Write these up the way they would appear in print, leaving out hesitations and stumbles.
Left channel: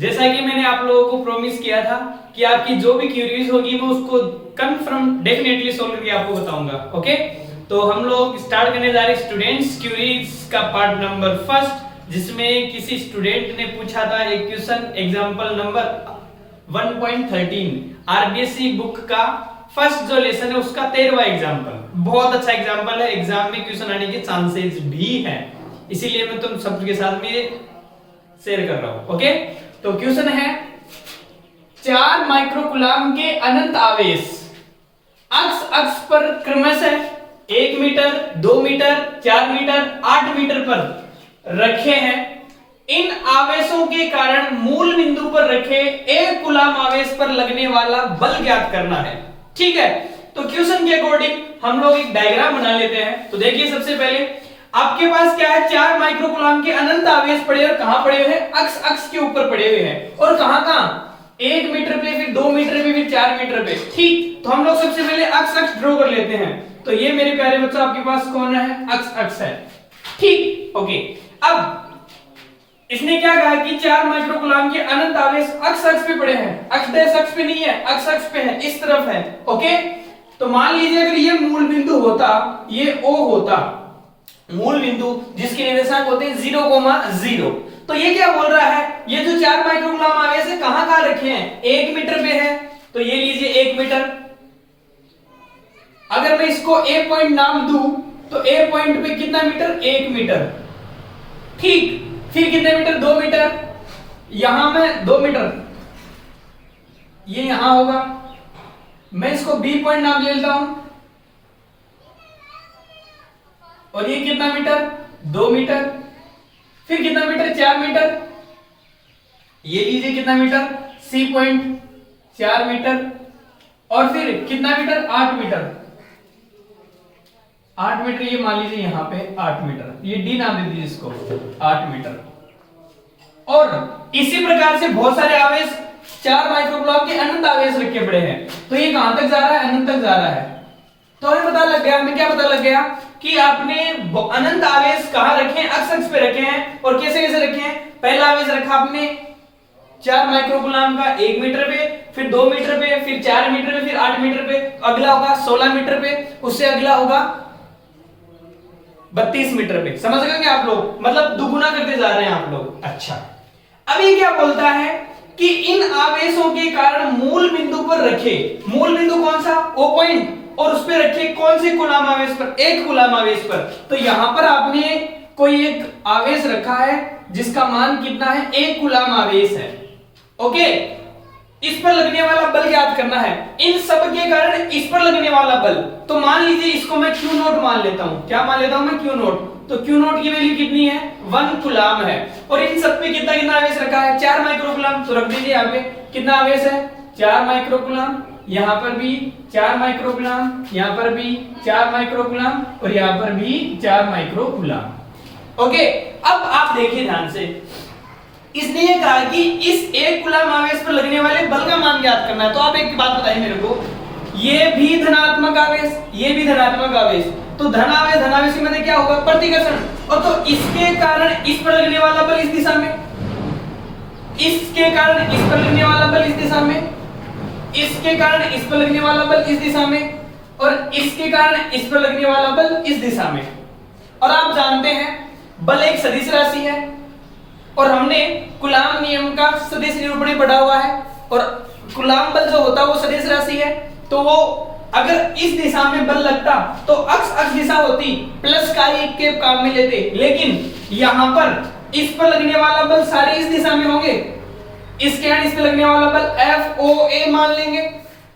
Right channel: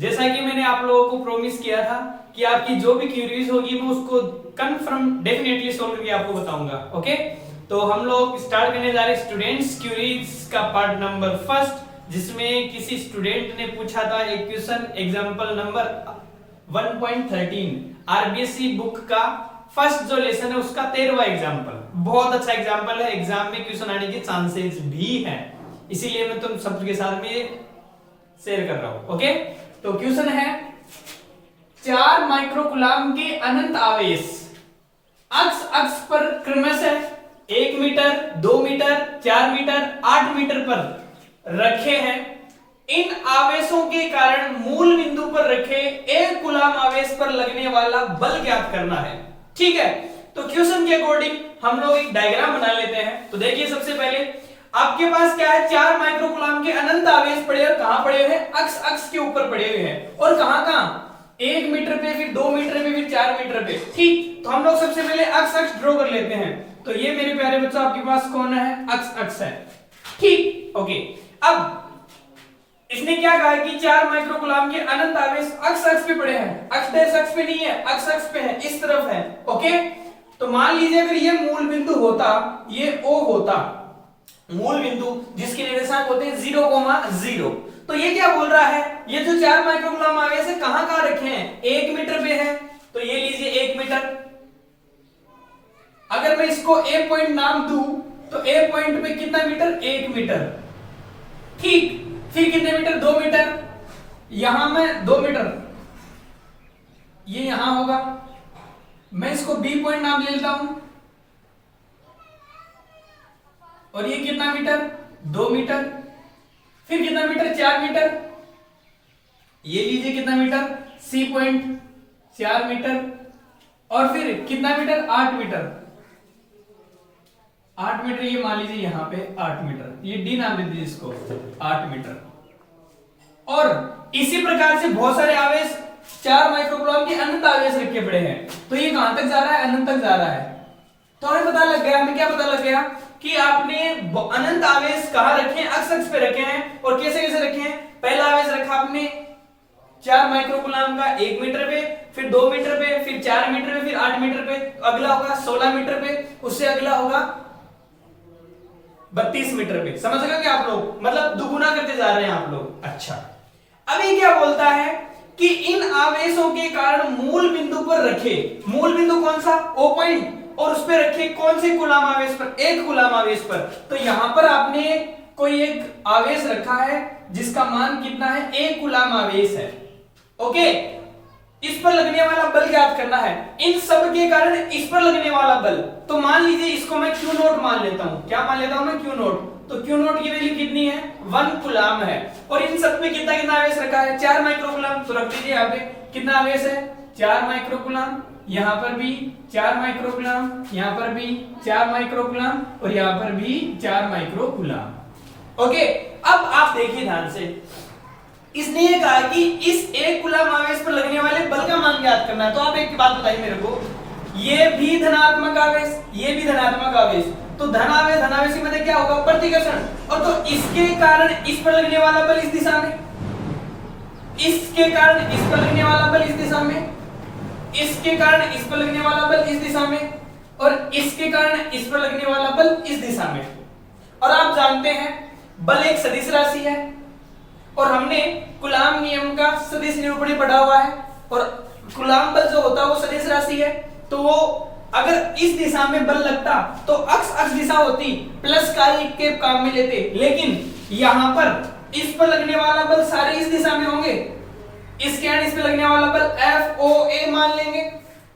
जैसा कि मैंने आप लोगों को प्रॉमिस किया था कि आपकी जो भी क्यूरीज होगी मैं उसको कंफर्म डेफिनेटली सोल्व करके आपको बताऊंगा। ओके, तो हम लोग स्टार्ट करने जा रहे हैं स्टूडेंट्स क्यूरीज का पार्ट नंबर फर्स्ट, जिसमें किसी स्टूडेंट ने पूछा था एक question example number 1.13 RBSC book का फर्स्ट जो लेसन है उसका 13वां एग्जांपल। बहुत अच्छा एग्जांपल है, एग्जाम में क्वेश्चन आने के चांसेस भी हैं, इसीलिए मैं तुम सबके साथ में शेयर कर रहा हूं। ओके, तो क्वेश्चन है 4 माइक्रोकूलाम के अनंत आवेश अक्ष अक्ष पर क्रमशः 1 मीटर, 2 मीटर, 4 मीटर, 8 मीटर पर रखे हैं। इन आवेशों के कारण मूल बिंदु पर रखे 1 कूलाम आवेश पर लगने वाला बल ज्ञात करना है। ठीक है, तो क्वेश्चन के अकॉर्डिंग हम लोग एक डायग्राम बना लेते हैं। तो देखिए, सबसे पहले आपके पास क्या है, 4 माइक्रोकूलाम के अनंत आवेश पड़े और कहां पड़े हुए हैं, अक्ष अक्ष के ऊपर पड़े हुए हैं। और कहां कहां, 1 मीटर पे, फिर 2 मीटर पे, फिर 4 मीटर पे। ठीक, तो हम लोग सबसे पहले अक्ष अक्ष ड्रॉ कर लेते हैं। तो ये मेरे प्यारे बच्चों आपके पास कौन है, अक्ष अक्ष है। ठीक, ओके। अब इसने क्या कहा कि 4 माइक्रोकूलाम के अनंत आवेश अक्ष अक्ष पे पड़े हैं, अक्ष डैश अक्ष पे नहीं है, अक्ष अक्ष पे है, इस तरफ है। ओके, तो मान लीजिए अगर ये मूल बिंदु होता, ये O होता, मूल बिंदु जिसके निर्देशांक होते हैं 0,0, तो ये क्या बोल रहा है, ये जो 4 माइक्रोकूलाम आवेश है कहां कहां रखे हैं, 1 मीटर पे है, तो ये लीजिए 1 मीटर। अगर मैं इसको A पॉइंट नाम दूं तो A पॉइंट पे कितना मीटर, 1 मीटर। ठीक, फिर कितने मीटर, 2 मीटर, यहां मैं 2 मीटर, ये यहां होगा। मैं इसको B पॉइंट नाम ले लेता हूं, और ये कितना मीटर, 2 मीटर, फिर कितना मीटर, 4 मीटर, ये लीजिए कितना मीटर, C पॉइंट 4 मीटर, और फिर कितना मीटर, 8 मीटर, 8 मीटर, ये मान लीजिए यहां पे 8 मीटर, ये D नाम दे दीजिए इसको, 8 मीटर। और इसी प्रकार से बहुत सारे आवेश 4 माइक्रोकूलाम के अनंत आवेश रखे पड़े हैं, तो ये कहां तक जा रहा है, अनंत तक जा रहा है। तो हमें पता लग गया, हमें क्या पता लग गया कि आपने अनंत आवेश कहां रखे हैं, अक्ष अक्ष पे रखे हैं। और कैसे कैसे रखे हैं, पहला आवेश रखा आपने 4 माइक्रोकूलाम का 1 मीटर पे, फिर 2 मीटर पे, फिर 4 मीटर पे, फिर 8 मीटर पे, अगला होगा 16 मीटर पे, उससे अगला होगा 32 मीटर पे। समझ गए आप लोग, मतलब दुगुना करते जा रहे हैं आप लोग। अच्छा, अब ये क्या बोलता है कि इन आवेशों के कारण मूल बिंदु पर रखे, मूल बिंदु कौन सा, O पॉइंट, और उस पे रखे कौन से कूलाम आवेश पर, 1 कूलाम आवेश पर। तो यहां पर आपने कोई एक आवेश रखा है जिसका मान कितना है, 1 कूलाम आवेश है। ओके, इस पर लगने वाला बल ज्ञात करना है, इन सब के कारण इस पर लगने वाला बल। तो मान लीजिए इसको मैं Q नोट मान लेता हूं, क्या मान लेता हूं मैं, Q नोट। तो Q नोट की वैल्यू कितनी है, 1 कूलाम है। और इन सब पे कितना कितना आवेश रखा है, 4 माइक्रोकूलाम। तो रख दीजिए यहाँ पे कितना आवेश है, 4 माइक्रोकूलाम, यहां पर भी 4 माइक्रोकूलाम, यहां पर भी 4 माइक्रोकूलाम, और यहां पर भी 4 माइक्रोकूलाम। ओके, अब आप देखिए ध्यान से, इसने ये कहा कि इस 1 कूलाम आवेश पर लगने वाले बल का मान ज्ञात करना है। तो आप एक बात बताइए मेरे को, ये भी धनात्मक आवेश, ये भी धनात्मक आवेश, तो धन आवेश की मतलब क्या होगा, प्रतिकर्षण। और तो इसके कारण इस पर लगने वाला बल इस दिशा में, इसके कारण इस पर लगने वाला बल इस दिशा में, इसके कारण इस पर लगने वाला बल इस दिशा में, और इसके कारण इस पर लगने वाला बल इस दिशा में। और आप जानते हैं बल एक सदिश राशि है, और हमने कूलाम नियम का सदिश निरूपण पढ़ा हुआ है। और कूलाम बल जो होता है वो सदिश राशि है, तो वो अगर इस दिशा में बल लगता तो अक्ष अक्ष दिशा होती, प्लस का ही के काम में लेते, लेकिन यहां पर इस पर लगने वाला बल सारे इस दिशा में होंगे। इसके कारण इस पे लगने वाला बल FOA मान लेंगे,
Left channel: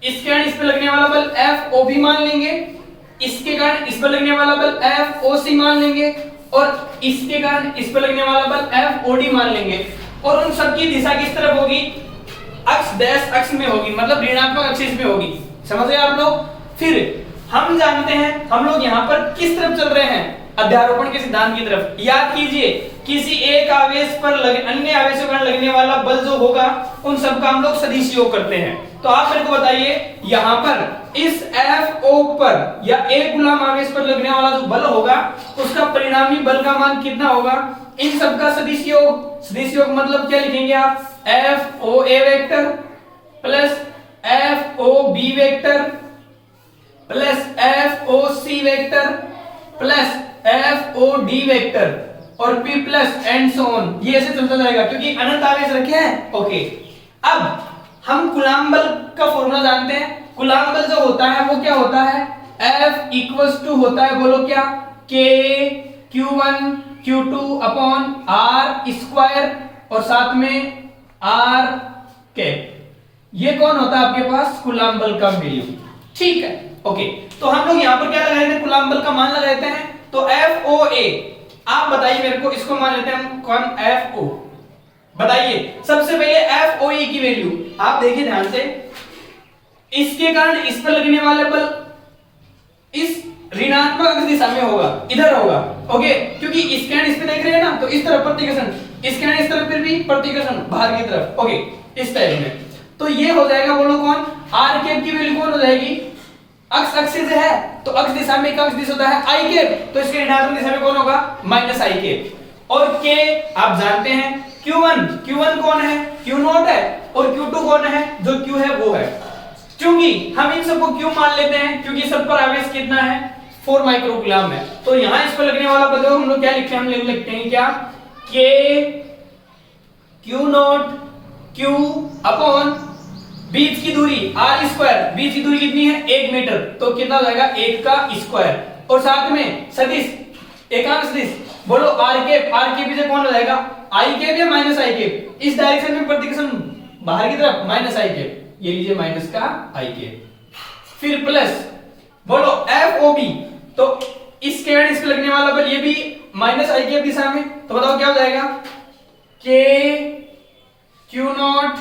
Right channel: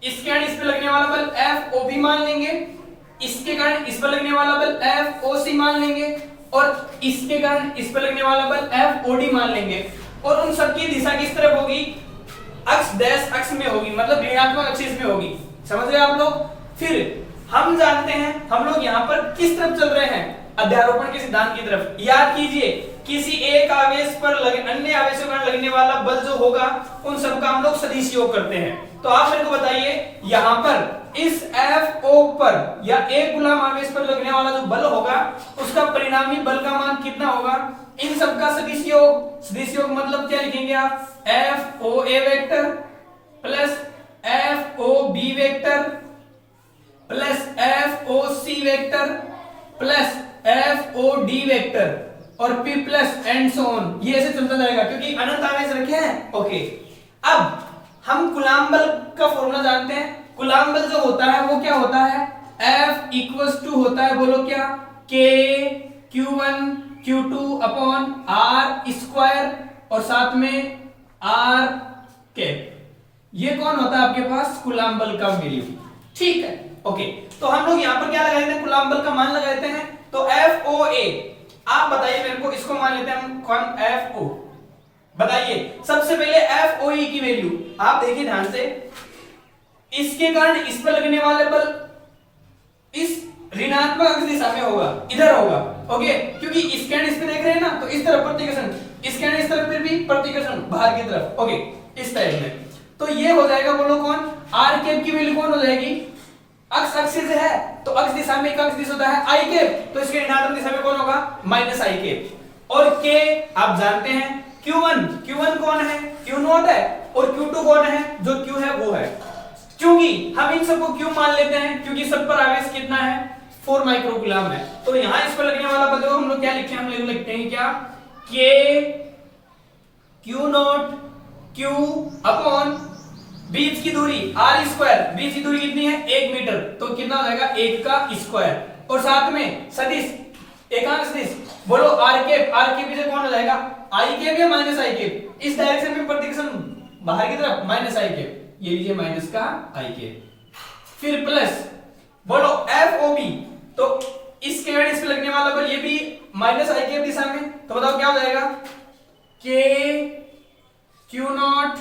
इसके कारण इस पे लगने वाला बल FOB मान लेंगे, इसके कारण इस पर लगने वाला बल FOC मान लेंगे, और इसके कारण इस पर लगने वाला बल FOD मान लेंगे। और उन सबकी दिशा किस तरफ होगी, अक्ष डैश अक्ष में होगी, मतलब ऋणात्मक एक्सिस में होगी। समझ गए आप लोग। फिर हम जानते हैं हम लोग यहाँ पर किस तरफ चल रहे हैं, अध्यारोपण के सिद्धांत की तरफ। याद कीजिए, किसी एक आवेश पर अन्य आवेशों पर लगने वाला बल जो होगा उन सब का हम लोग सदिश योग करते हैं। तो आप मेरे को बताइए, यहाँ पर इस FO पर या एक गुलाम आवेश पर लगने वाला जो बल होगा उसका परिणामी बल का मान कितना होगा, इन सब का सदिश योग मतलब क्या लिखेंगे आप, F O A vector plus F O B vector plus F O C vector plus F O D vector और P plus and so on. ये ऐसे चलता जाएगा क्योंकि अनंत आवेश रखे हैं। ओके, अब हम कूलम्ब बल का फॉर्मूला जानते हैं। कूलम्ब बल जो होता है वो क्या होता है, F इक्वल्स टू होता है, बोलो क्या, K Q1 Q2 upon R square और साथ में R कैप। ये कौन होता है आपके पास, कूलम्ब बल का वैल्यू। ठीक है, ओके, तो हम लोग यहां पर क्या लगाते हैं, कूलम्ब बल का मान लगाते हैं। तो FOA, आप बताइए मेरे को, इसको मान लेते हैं हम कौन, FO। बताइए सबसे पहले FOE की वैल्यू आप देखिए ध्यान से, इसके कारण इस पर लगने वाला बल इस ऋणात्मक अक्ष दिशा में होगा, इधर होगा। ओके, क्योंकि इसके इस पे देख रहे हैं ना, तो इस तरफ प्रतिकर्षण, इसके इस तरफ फिर भी प्रतिकर्षण बाहर की तरफ। ओके, इस टाइप में, तो ये हो जाएगा, बोलो कौन, आर कैप की वैल्यू कौन हो जाएगी, अक्ष अक्षिस है तो अक्ष दिशा में एक अक्ष दिशा होता है आई कैप, तो इसके ऋणात्मक दिशा में कौन होगा, माइनस आई कैप। और के आप जानते हैं Q1 कौन है, Q0 है, और Q2 कौन है, जो Q है वो है। क्योंकि हम इन सबको Q मान लेते हैं क्योंकि सब पर आवेश कितना है, 4 माइक्रोकूलम्ब है। तो यहां इस पर लगने वाला बल हम लोग क्या लिखते हैं, हम लोग लिखते हैं क्या, K Q0 Q अपॉन बीच की दूरी R स्क्वायर, बीच की दूरी कितनी है, 1 मीटर, तो कितना हो जाएगा, 1 का स्क्वायर, और साथ में सदिश एकांक सदिश, बोलो आर के पीछे कौन हो जाएगा, आई कैप या माइनस आई कैप, इस डायरेक्शन में प्रतिकर्षण बाहर की तरफ माइनस आई कैप, ये लीजिए माइनस का आई कैप, फिर प्लस बोलो एफ ओ बी, तो इस केवल इस पे लगने वाला बल ये भी माइनस आई कैप दिशा में, तो बताओ क्या हो जाएगा, के Q not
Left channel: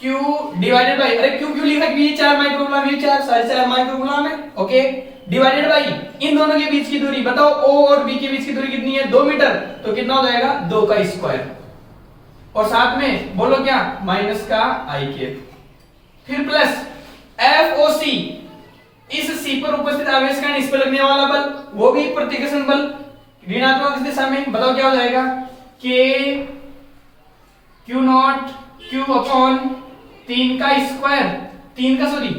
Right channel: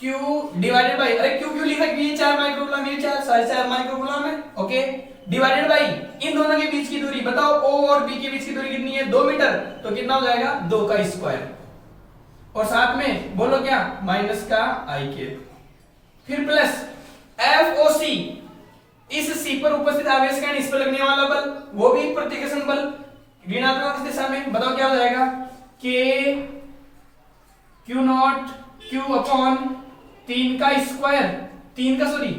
Q divided by, अरे क्यू क्यू लिखा, ये 4 माइक्रोकूलम्ब, ये 4 माइक्रोकूलम्ब है। ओके, डिवाइडेड बाई इन दोनों के बीच की दूरी, बताओ O और B के बीच की दूरी कितनी है, 2 मीटर, तो कितना हो जाएगा, 2 का स्क्वायर, और साथ में बोलो क्या, माइनस का आई कैप, फिर प्लस FOC, इस C पर उपस्थित आवेश का इस पर लगने वाला बल, वो भी प्रतिकर्षण बल ऋणात्मक दिशा में, बताओ क्या हो जाएगा, K Q not Q upon 3 का स्क्वायर, 3 का सॉरी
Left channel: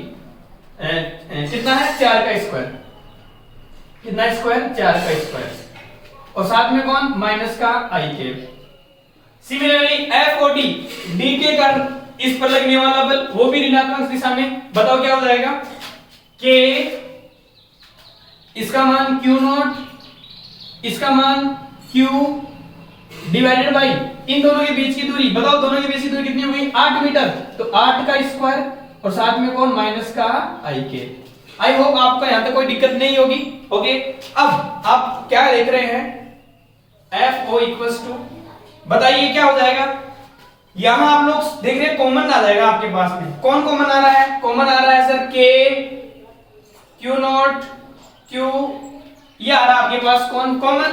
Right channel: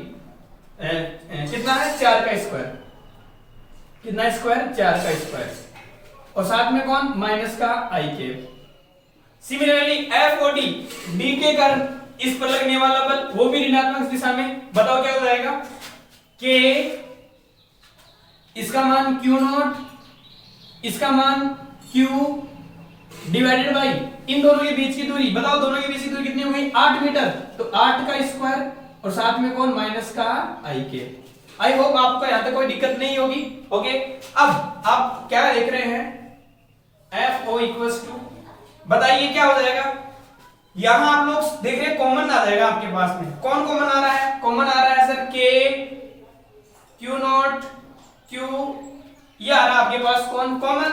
कितना है, 4 का स्क्वायर, कितना स्क्वायर, 4 का स्क्वायर, और साथ में कौन, माइनस का आई कैप। सिमिलरली FOD, D के कारण इस पर लगने वाला बल, वो भी ऋणात्मक दिशा में, बताओ क्या हो जाएगा, K इसका मान Q नॉट, इसका मान Q डिवाइडेड बाई इन दोनों के बीच की दूरी, बताओ दोनों के बीच की दूरी कितनी हुई, 8 मीटर, तो 8 का स्क्वायर, और साथ में कौन, माइनस का आई कैप। आई होप आपको यहां तक कोई दिक्कत नहीं होगी। ओके, अब आप क्या देख रहे हैं, FO इक्वल्स टू, बताइए क्या हो जाएगा, यहां आप लोग देख रहे हैं कॉमन आ जाएगा आपके पास में, कौन कॉमन आ रहा है, कॉमन आ रहा है sir K Q not Q, ये आ रहा है आपके पास कौन, कॉमन,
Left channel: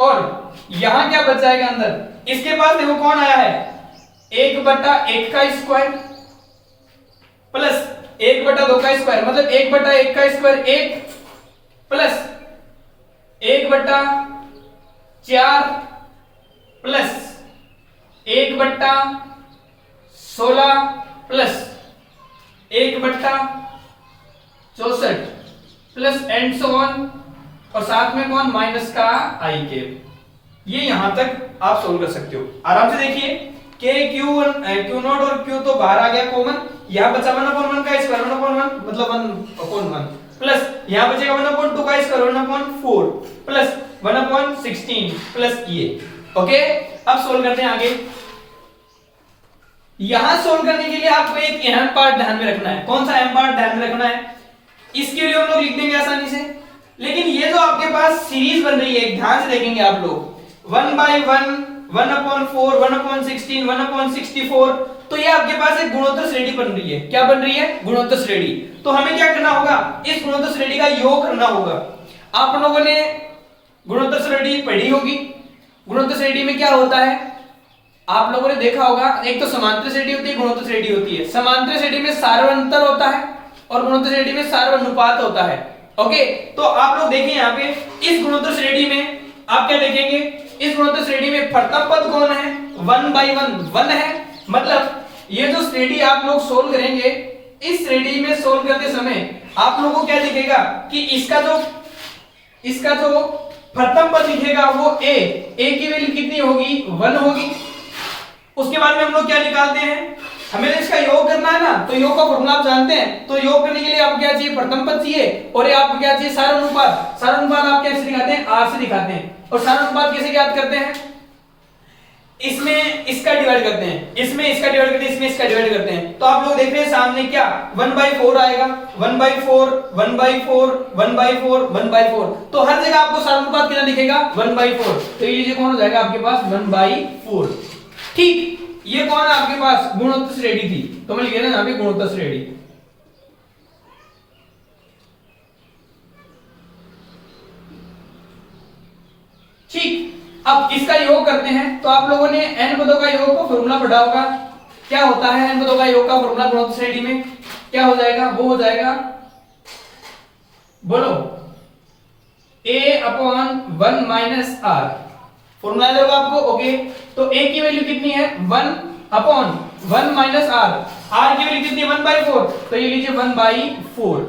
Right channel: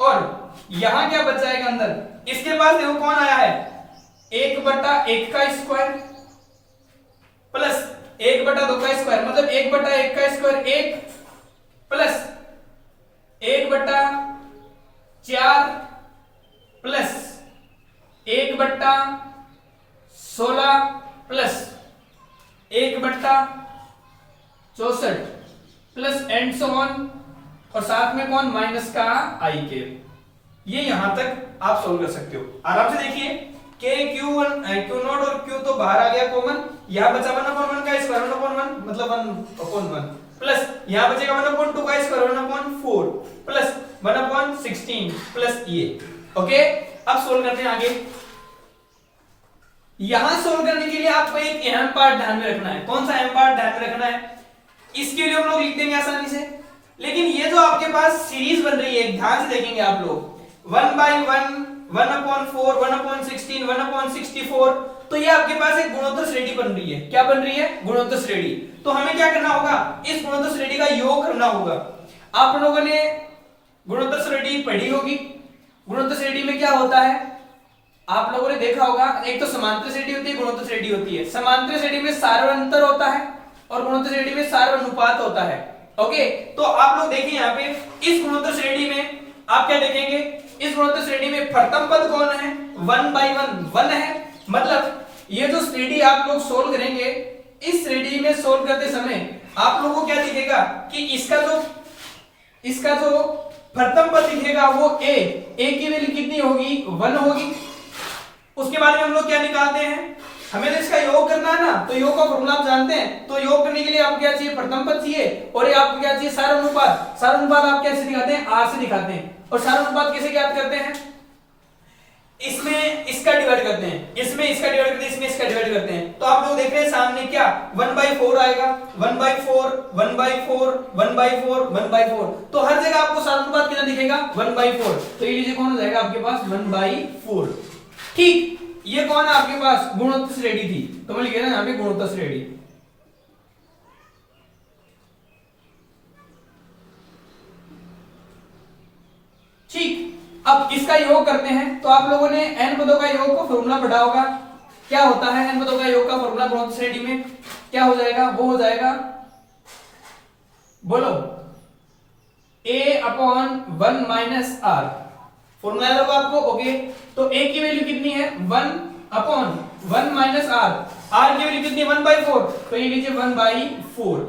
और यहां क्या बच जाएगा अंदर, इसके पास देखो कौन आया है, 1/1 का स्क्वायर प्लस 1/2 का स्क्वायर, मतलब 1/1 का square 1 plus 1/4 plus 1/16 plus 1/64 plus and so on, और साथ में कौन, माइनस का आई कैप। ये यहां तक आप सोल्व कर सकते हो आराम से। देखिए K Q नॉट और Q तो बाहर आ गया कॉमन, यहां बचा 1/1 का स्क्वायर, 1/1 मतलब 1/1 प्लस यहां बचेगा 1/2 का स्क्वायर, 1/4 प्लस 1/16 प्लस ये। ओके, अब सोल्व करते हैं आगे। यहां सोल्व करने के लिए आपको एक अहम पार्ट ध्यान में रखना है, कौन सा अहम पार्ट ध्यान में रखना है, इसके लिए हम लोग लिख देंगे आसानी से, लेकिन ये जो आपके पास सीरीज बन रही है ध्यान से देखेंगे आप लोग, 1/1 1/4 1/16 1/64, तो ये आपके पास एक गुणोत्तर श्रेणी बन रही है। क्या बन रही है, गुणोत्तर श्रेणी। तो हमें क्या करना होगा, इस गुणोत्तर श्रेणी का योग करना होगा। आप लोगों ने गुणोत्तर श्रेणी पढ़ी होगी, गुणोत्तर श्रेणी में क्या होता है, आप लोगों ने देखा होगा, एक तो समांतर श्रेणी होती है, गुणोत्तर श्रेणी होती है। समांतर श्रेणी में सार्वंतर होता है और गुणोत्तर श्रेणी में सार्वनुपात होता है। ओके, तो आप लोग देखिए यहाँ पे इस गुणोत्तर श्रेणी में आप क्या देखेंगे, इस गुणोत्तर श्रेणी में प्रथम पद कौन है? 1/1 1 है। मतलब ये जो श्रेणी आप लोग सोल्व करेंगे, इस श्रेणी में सोल्व करते समय आप लोगों को क्या दिखेगा कि इसका जो प्रथम पद दिखेगा वो a की वैल्यू कितनी होगी? 1 होगी। उसके बाद में हम लोग क्या निकालते हैं? हमें इसका योग करना है ना, तो योग का फॉर्मूला आप जानते हैं। तो योग करने के लिए आपको क्या चाहिए? प्रथम पद चाहिए। और ये आपको क्या चाहिए? सार अनुपात। सार अनुपात आप कैसे दिखाते हैं? r से दिखाते हैं। और सार अनुपात कैसे ज्ञात करते हैं? इसमें इसका डिवाइड करते हैं, इसमें इसका डिवाइड करते हैं, इसमें इसका डिवाइड करते हैं। तो आप लोग देख रहे हैं सामने क्या 1/4 आएगा। 1/4 1/4 1/4 1/4। तो हर जगह आपको सार अनुपात कितना दिखेगा? 1/4। तो ये लीजिए कौन हो जाएगा आपके पास? 1/4। ठीक, ये कौन है आपके पास? गुणोत्तर श्रेणी थी। तो मैं लिख रहा हूं यहां पे गुणोत्तर श्रेणी। ठीक, अब इसका योग करते हैं। तो आप लोगों ने n पदों का योग का फॉर्मूला पढ़ा होगा। क्या होता है n पदों का योग का फॉर्मूला गुणोत्तर श्रेणी में? क्या हो जाएगा? वो हो जाएगा, बोलो, a/1 - r। फॉर्मूला याद होगा आपको? ओके, तो a की वैल्यू कितनी है? 1/1 - r। r की वैल्यू कितनी है? 1/4। तो ये लीजिए 1/4।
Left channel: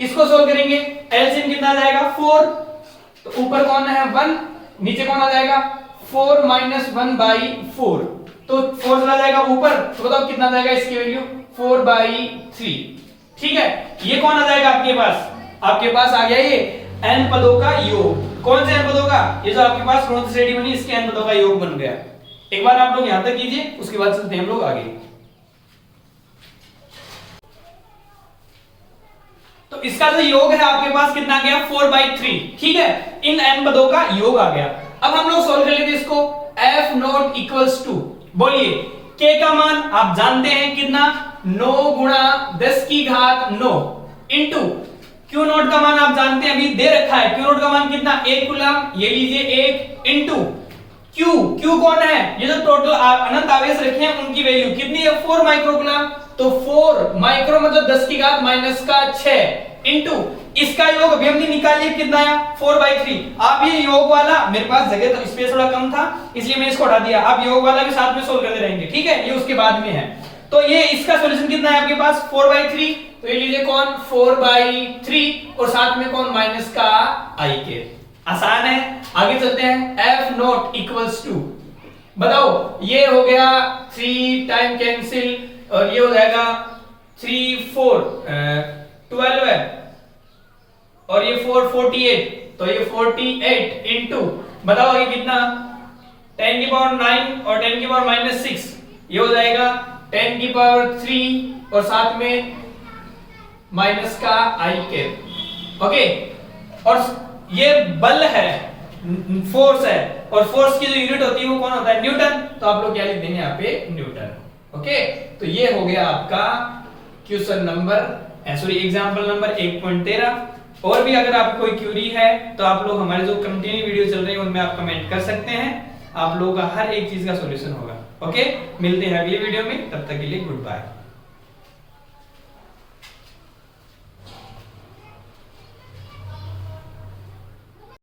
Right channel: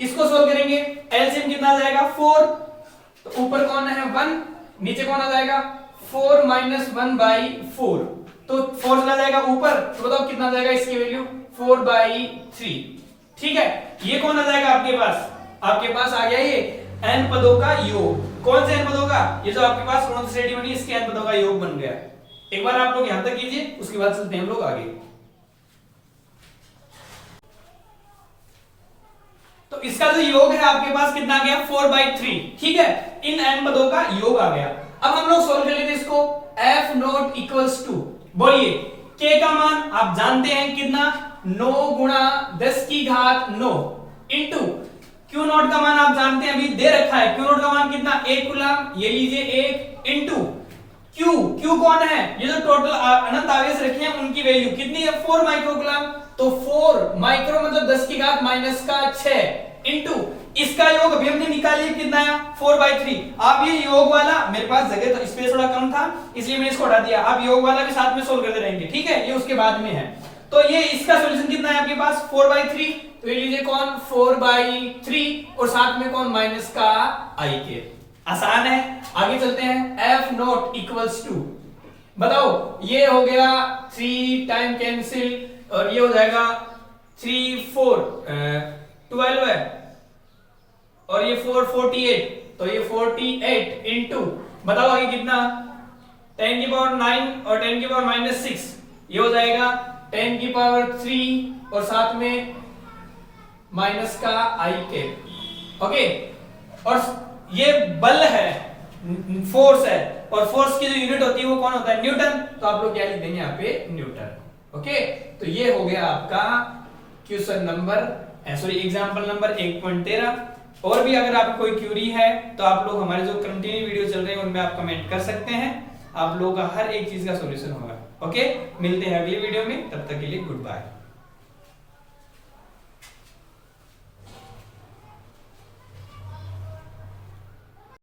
इसको सोल्व करेंगे, एलसीएम कितना आ जाएगा? 4। तो ऊपर कौन है? 1, नीचे कौन आ जाएगा? 4 - 1/4। तो 4 चला जाएगा ऊपर। तो बताओ कितना आ जाएगा इसकी वैल्यू? 4/3। ठीक है, ये कौन आ जाएगा आपके पास? आपके पास आ गया ये n पदों का योग। कौन से n पदों का? ये जो आपके पास गुणोत्तर श्रेणी बनी, इसके n पदों का योग बन गया। एक बार आप लोग यहां तक कीजिए, उसके बाद चलते हैं हम लोग आगे। तो इसका जो योग है आपके पास कितना आ गया? 4/3। ठीक है, इन n पदों का योग आ गया। अब हम लोग सोल्व कर लेते हैं इसको। f0 इक्वल्स टू, बोलिए, k का मान आप जानते हैं कितना? 9 × 10⁻9 इंटू q0 का मान आप जानते हैं, अभी दे रखा है। q0 का मान कितना? 1 कूलम। ये लीजिए 1 इंटू q कौन है? ये जो टोटल अनंत आवेश रखे हैं उनकी वैल्यू कितनी है? 4 माइक्रोकूलम। तो 4 माइक्रो मतलब 10⁻⁻6 इंटू इसका योग अभी हमने निकालिए कितना आया? 4/3। आप ये योग वाला, मेरे पास जगह तो स्पेस थोड़ा कम था इसलिए मैं इसको हटा दिया। आप योग वाला भी साथ में सोल्व करते रहेंगे। ठीक है, ये उसके बाद में है। तो ये इसका सॉल्यूशन कितना है आपके पास? 4/3। तो ये लीजिए कौन? 4/3 और साथ में कौन? माइनस का i के। आसान है, आगे चलते हैं। f0 इक्वल्स टू, बताओ, ये हो गया 3 टाइम कैंसिल और ये हो जाएगा 3 4 12 है और ये 4 48। तो ये 48 इंटू, बताओ आगे कितना? 10⁻9 और 10⁻⁻6। ये हो जाएगा 10⁻3 और साथ में माइनस का i के। ओके, और ये बल है, फोर्स है, और फोर्स की जो यूनिट होती है वो कौन होता है? न्यूटन। तो आप लोग क्या लिख देंगे यहाँ पे? न्यूटन। ओके, तो ये हो गया आपका question number, sorry example number 1.13। और भी अगर आपको कोई क्यूरी है तो आप लोग हमारे जो कंटिन्यू वीडियो चल रही है उनमें आप कमेंट कर सकते हैं। आप लोगों का हर एक चीज का सॉल्यूशन होगा। ओके, मिलते हैं अगली वीडियो में, तब तक के लिए गुड बाय।